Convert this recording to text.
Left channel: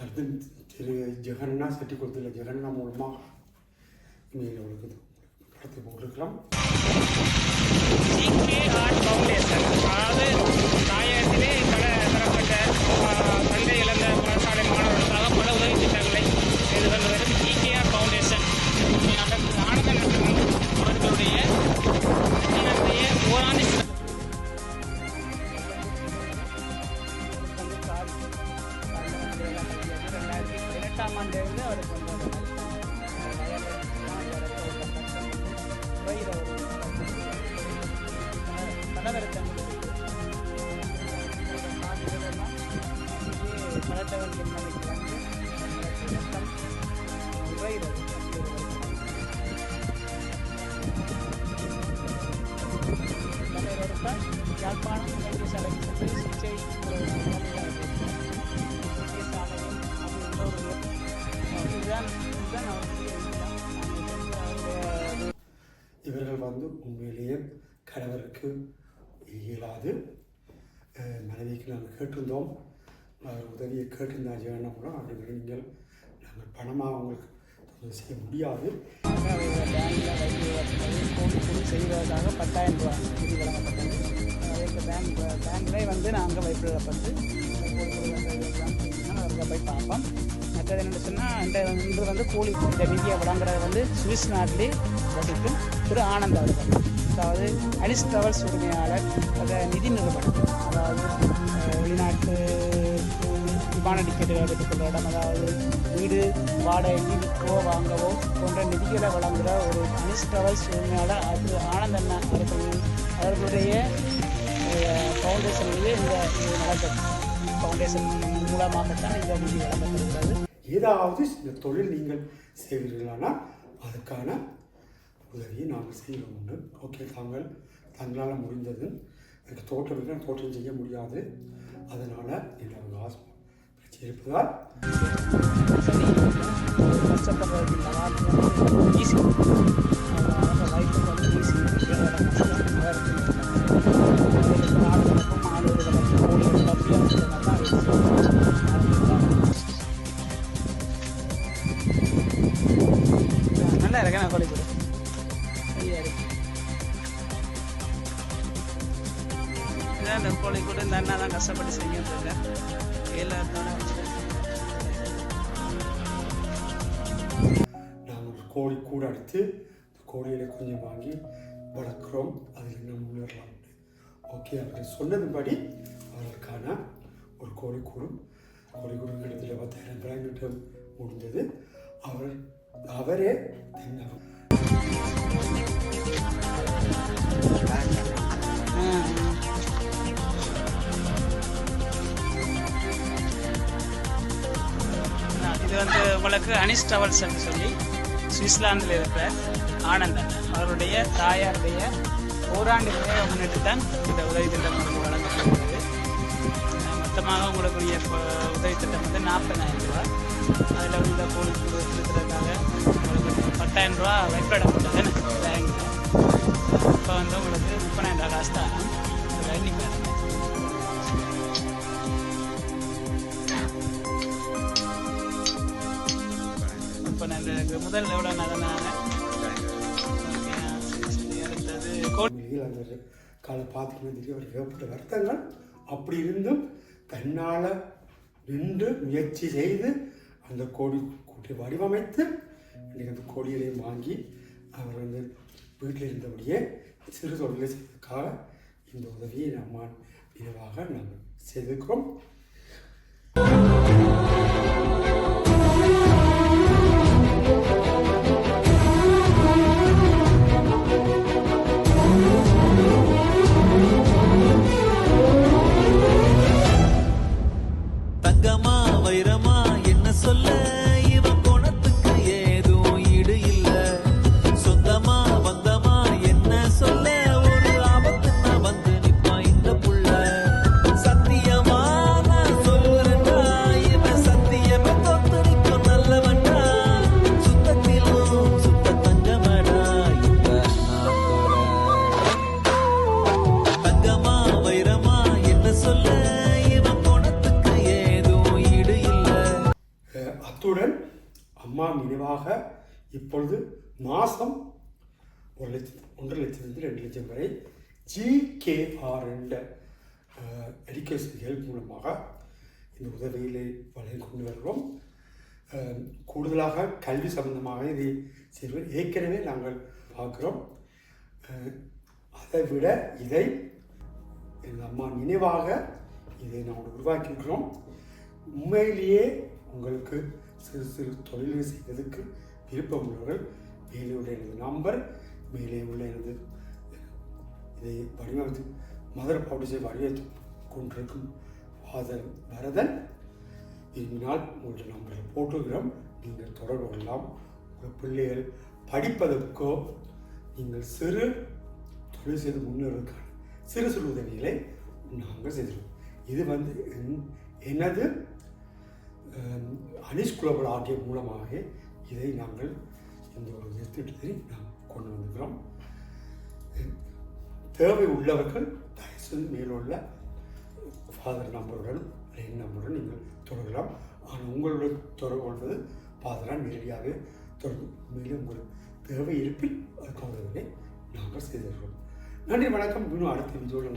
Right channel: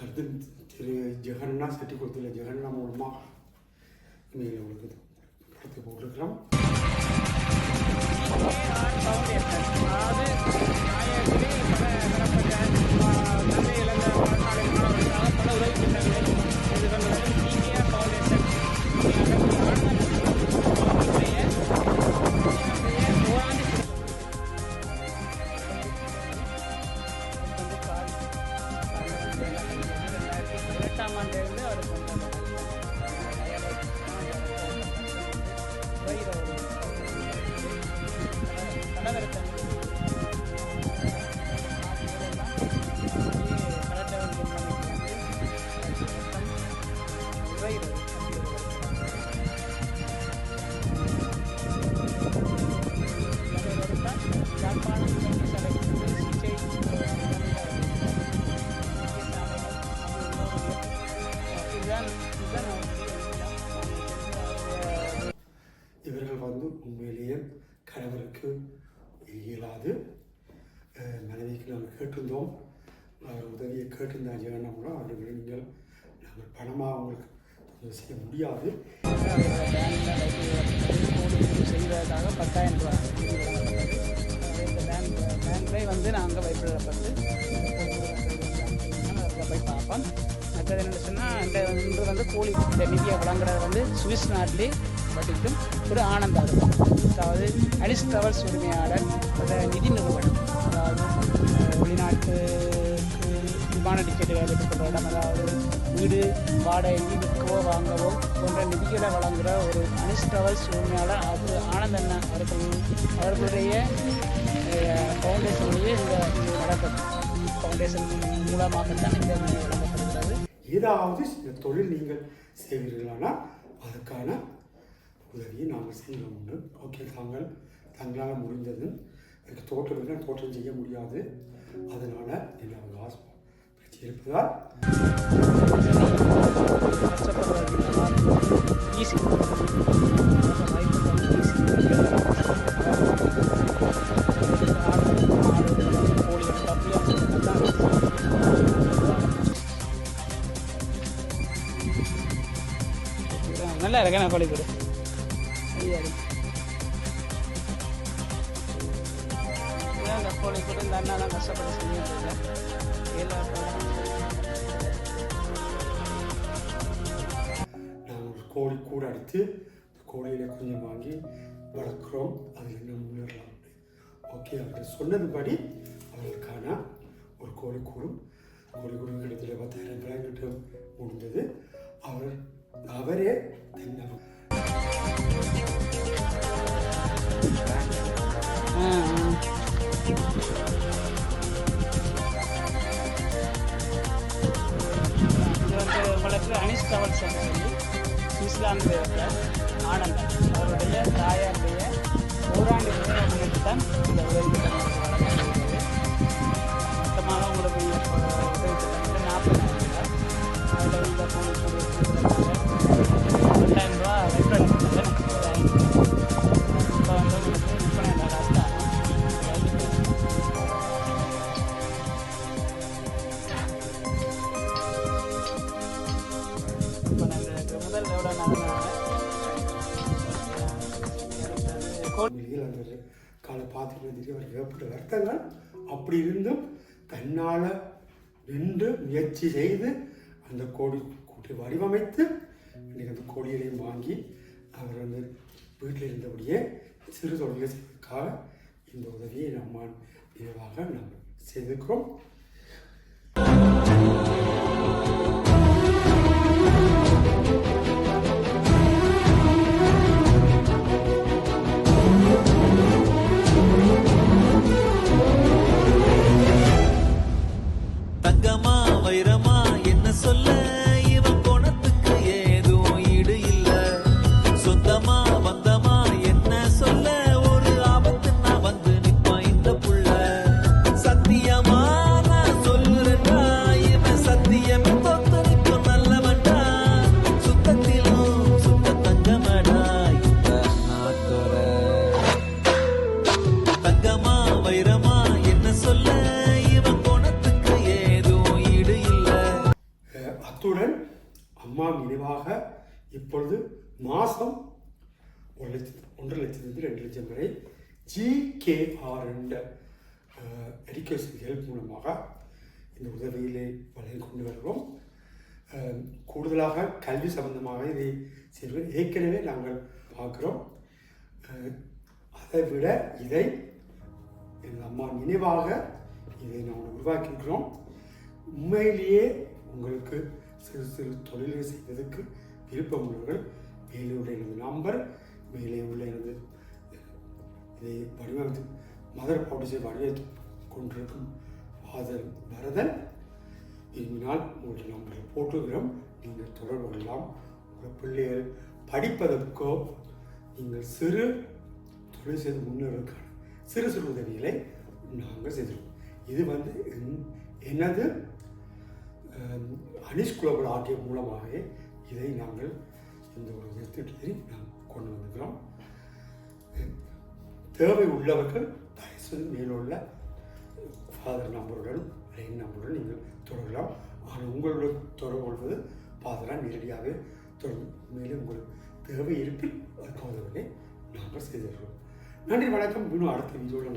அடுத்து திரு ஜெகன்னா செட்டிக்குளத்தில் ஜெகன்னா மூலமாக இமெயில் அவளுக்கு கடத்தி போட்டிருக்கிறோம் வயிறு ஒரு கலவரத்தன் கலட்டவன் என்பனைக்கு வந்து மொத்தம் தலைவருக்கா யாழ்ப்பாணம் வைத்தியசாலைக்கு சென்று சிகிச்சை இதுதான் இதுதான். இவர்கள் வந்து உண்மையிலேயே கணவருக்கு இயலாது. மனைவிக்கு நாங்கள் கேட்டிருந்தோம். அவர் உதவியை கேட்டிருந்தால் ஜெகன்னா கூட அவர்கள் நீங்கள் நாங்கள் பணமாக அவங்களுக்கு செய்ய முடியாது. அவரோட பேங்க்ல செய்வதற்காக பத்தாயிரம் ரூபாய் நிதி வழங்கப்பட்டது இந்த பேங்க் பேங்க்லேயே வந்து நாங்கள் வைப்பிடப்பட்டு அதில் போய் பார்ப்போம் மற்றது என்ன சொன்னால் இந்த இன்று வந்து கூலி இந்த நிதியை வழங்குறது வந்து சுவிஸ் நாட்டிலே வட்டிக்கும் திரு ஆனந்த் அவர்கள் அதாவது அலிஸ் டிராவல்ஸ் உரிமையாளர் அந்த நிதி நிறுவனம் அதாவது வெளிநாட்டு விமான டிக்கெட்டுகளை பெற்றுக்கொள்கிற இடம் அதாவது வீடு வாடகை விற்கவோ வாங்கவோ போன்ற நிதிகளை வழங்குகிற ஒரு அனிஸ் டிராவல்ஸ் உரிமையாளர் அது ஆனந்த் அண்ணா அவர்கள். அவர்களுடைய ஃபவுண்டேஷன்லேயே இந்த இது நடக்கும் ஃபவுண்டேஷன் மூலமாகத்தான் இந்த நிதி வழங்கப்படுகிறது. ஏதாவது இந்த தொழில் நீங்கள் செய்வீர்களானால் அதுக்கான உதவியை நாங்கள் செய்வோம் உண்டு ஓகே தாங்கள் தங்களால் முடிந்தது. எனக்கு தோற்றம் தோற்றம் செய்ய முடியாது. அதனால் என்னோட ஆஸ்மா பிரச்சனை இருப்பதால் ஈஸி நல்லா இருக்கேன் நான் கோழி இந்த கோழி கூட இந்த அண்ணா தான் கஷ்டப்பட்டு செஞ்சுட்டு இருக்கேன் எல்லாத்தையும் நாங்கள் ஒரு கோழி கூட அடித்து கோழியில கொஞ்சம் வாங்கி வளர்க்குறோம். அதில் இன்னும் முன்னேறலாம் ஓகே அவர்கள் சொன்னதுபடி அவர்களுக்கான ஒரு கோழி கூடும் கோழி கூடும் இடத்துல பத்தாயிரம் பிராங்கிட்ட முடிந்தது. அவர் அவரே தன்னை இது வந்து உங்களுக்கு அனிஸ் டவல்ஸ் என்று சொல்லி சுவிட்சர்லாந்தில் இருக்கிற ஆனந்தன். அவருடைய தாயாருடைய ஓராண்டு முன்னிட்டு தான் இந்த உதவி திட்டம் உங்களுக்கு வழங்கப்படுகிறது. மொத்தமாக உங்களுக்கு உதவி திட்டம் வந்து நாற்பதாயிரம் ரூபாய். அதில் உள்ள போலீஸ் கூலி இருக்கிறதுக்காக பத்தாயிரம் ரூபா வைப்பிடப்பட்டது பேங்க் இப்போ வந்து உங்களுக்கு முப்பதாயிரம் ரூபா காசு தான் வேண்டிக்கிறேன் இப்போ நான் முதல் எவ்வளோ நடந்தாங்க காலை ஏற்பட்ட வருத்தங்கள். அப்படி இருந்தும் தன்னால் நின்று முயற்சி செய்து அந்த கோடி கூட்டி வடிவமைத்து இன்னைக்கு அந்த கோடிகளையும் வாங்கி அவர் வந்து வீட்டில் இருந்தபடியே சிறு தொழிலை செய்வதற்காக இந்த உதவியை நம்ம நினைவாக நாம் செய்திருக்கிறோம். தங்கமா வைரமா என்ன சொல்ல? இவன் குணத்துக்கு ஏதும் ஈடு இல்ல. சொந்தமா பந்தமா என்ன சொல்ல? ஒரு ஆபத்துன்னா வந்து நிப்பான் இந்த புள்ள. சத்தியமா நான் சொல்லுறேன்டா இவன் சத்தியமே தொத்து நிற்கும் நல்லவன்டா. சுத்தத்திலும் சுத்த தங்கமடா இந்த நாத்தோட தங்கமா வைரமா என்ன சொல்ல? அத்துடன் அம்மா நினைவாக இப்பொழுது மாதம் ஒரு லட்சம் ஒன்றரை லட்சத்துலேருந்து ரெண்டு லட்சம் வரை ஜிகேஆர் என்ற எஜுகேஷன் ஹெல்ப் மூலமாக இந்த உதவியிலே வழங்கி கொண்டு வருகிறோம். கூடுதலாக கல்வி சம்பந்தமாக இதை செல்வது ஏற்கனவே நாங்கள் பார்க்குறோம். அதை விட இதை எங்கள் அம்மா நினைவாக இதை நாங்கள் உருவாக்கியிருக்கிறோம். உண்மையிலேயே உங்களுக்கு சிறு சிறு தொழில்கள் செய்வதற்கு விருப்பம் உள்ளவர்கள் மேலே உள்ள எனது நம்பர் மேலே உள்ள எனது இதை வடிவமைத்து மதர் பாடிசை வடிவமைத்து கொண்டிருக்கும் ஃபாதர் வரதன் விரும்பினால் உங்களுடைய நம்பரை போட்டுக்கிறோம் நீங்கள் தொடர்பு கொள்ளலாம். உங்கள் பிள்ளைகள் படிப்பதற்கோ நீங்கள் சிறு தொழில் செய்து முன்னேறதுக்கான சிறு சிறு உதவிகளை நாங்கள் செய்திருக்கோம் இது வந்து என்- எனது அனிஷ் குளோபல் ஆகிய மூலமாக இதை நாங்கள் இந்த ஒரு திட்டத்தை நாம் கொண்டு வந்திருக்கிறோம். தேவை உள்ளவர்கள் தயவுசெய்து மேலுள்ள ஃபாதர் நம்பருடன் ரெயின் நம்பருடன் நீங்கள் தொடரலாம். ஆனால் உங்களுடன் தொடர்பு கொள்வது ஃபாதராக நேரடியாகவே தொடர்பு மேலும் உங்கள் தேவை இருப்பில் அதுக்கு நாங்கள் செய்திருக்கிறோம். நன்றி வணக்கம். இன்னும் அடுத்த வீடியோவில்